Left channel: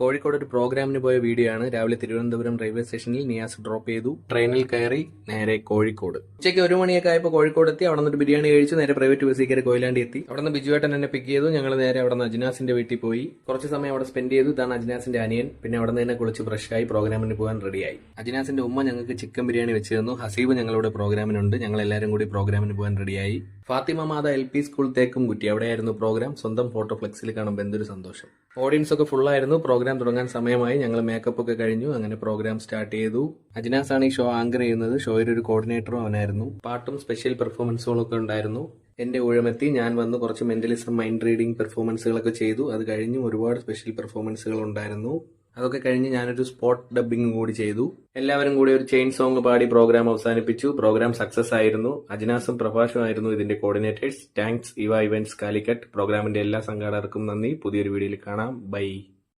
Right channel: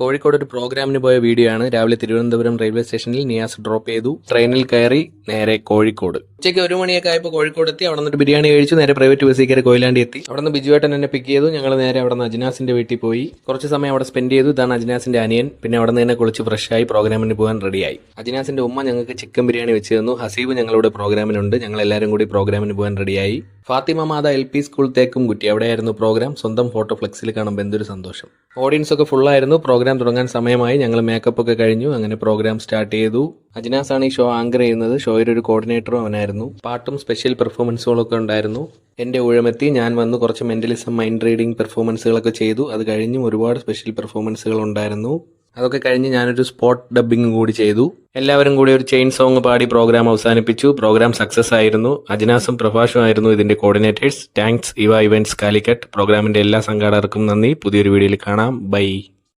കോഴിക്കോട് ഒരു പ്രോഗ്രാമിന് പോയ വീഡിയോ ആണ്. രാവിലെ തിരുവനന്തപുരം റെയിൽവേ സ്റ്റേഷനിൽ നിയാസ് ഡ്രോപ്പ് ചെയ്തു. ട്രെയിനിൽ കയറി നേരെ കോഴിക്കോട്. ഉച്ചയ്ക്ക് 1 മണിയൊക്കെ ആയപ്പോൾ കോഴിക്കോട് എത്തി. അവിടെ നിന്ന് ബിരിയാണി കഴിച്ചു. നേരെ പ്രൈവറ്റ് ബസ്സിൽ കയറി കൊയിലാണ്ടി എത്തി. അവിടെ നിന്ന് ബിജുവേട്ടൻ എന്നെ പിക്ക് ചെയ്തു. ഞങ്ങൾ നേരെ അവിടെ നിന്ന് അജ്നാസിന്റെ വീട്ടിൽ പോയി കുറച്ച് സമയം അവിടെ സ്പെൻഡ് ചെയ്തു. ഇതാണ് അജ്നാസിന്റെ അനിയൻ. പിന്നെ അവിടെ നിന്ന് തന്നെ കുളിച്ച് ഫ്രഷായി പ്രോഗ്രാമിന് പോകാൻ റെഡിയായി. അജ്നാസിന്റെ ഉമ്മ ഞങ്ങൾക്ക് ചിക്കൻ ബിരിയാണി വെച്ച് തന്നു. ഹസീബ് ഞങ്ങളുടെ പ്രോഗ്രാമിനുണ്ട്. ഞങ്ങൾ എല്ലാവരും കൂടി പ്രോഗ്രാമിന് പോകാൻ റെഡിയായി. ഫാത്തിമ മാത LP സ്കൂൾ തേക്കുംകുറ്റി, അവിടെയായിരുന്നു പ്രോഗ്രാം. സ്വന്തം ഫോട്ടോ ഫ്ലെക്സിൽ കാണുമ്പോൾ എന്തൊരു സന്തോഷം. ഓഡിയൻസ് ഒക്കെ ഫുള്ളായിരുന്നു. പ്രോഗ്രാം തുടങ്ങാൻ സമയമായി. ഞങ്ങൾ മേക്കപ്പ് ഒക്കെ കഴിഞ്ഞു. അങ്ങനെ പ്രോഗ്രാം സ്റ്റാർട്ട് ചെയ്തു. അജ്നാസാണ് ഈ ഷോ ആങ്കർ ചെയ്യുന്നത്. ഷോയുടെ ഒരു കോർഡിനേറ്ററും അവനായിരുന്നു. പാട്ടും സ്പെഷ്യൽ പെർഫോമൻസുകളൊക്കെ ഉണ്ടായിരുന്നു. എൻ്റെ ഊഴമെത്തി. ഞാൻ വന്ന് കുറച്ച് മെന്റലിസം, മൈൻഡ് റീഡിംഗ് പെർഫോമൻസുകളൊക്കെ ചെയ്തു. അത് കഴിഞ്ഞും ഒരുപാട് സ്പെഷ്യൽ പെർഫോമൻസുകൾ ഉണ്ടായിരുന്നു. അതൊക്കെ കഴിഞ്ഞ് ഞാനൊരു സ്പോട്ട് ഡബ്ബിംഗ് കൂടി ചെയ്തു. എല്ലാവരും കൂടി ഒരു ചെയിൻ സോങ് പാടി പ്രോഗ്രാം അവസാനിപ്പിച്ചു. പ്രോഗ്രാം സക്സസ് ആയിരുന്നു. അജ്നാസും പ്രഭാഷും ആയിരുന്നു ഇതിന്റെ കോർഡിനേറ്റേഴ്സ്. താങ്ക്സ് ഇവ ഇവന്റ്സ് കാലിക്കറ്റ്. പ്രോഗ്രാമിന്റെ എല്ലാ സംഘാടകർക്കും നന്ദി. പുതിയൊരു വീഡിയോയിൽ കാണാം. ബൈ.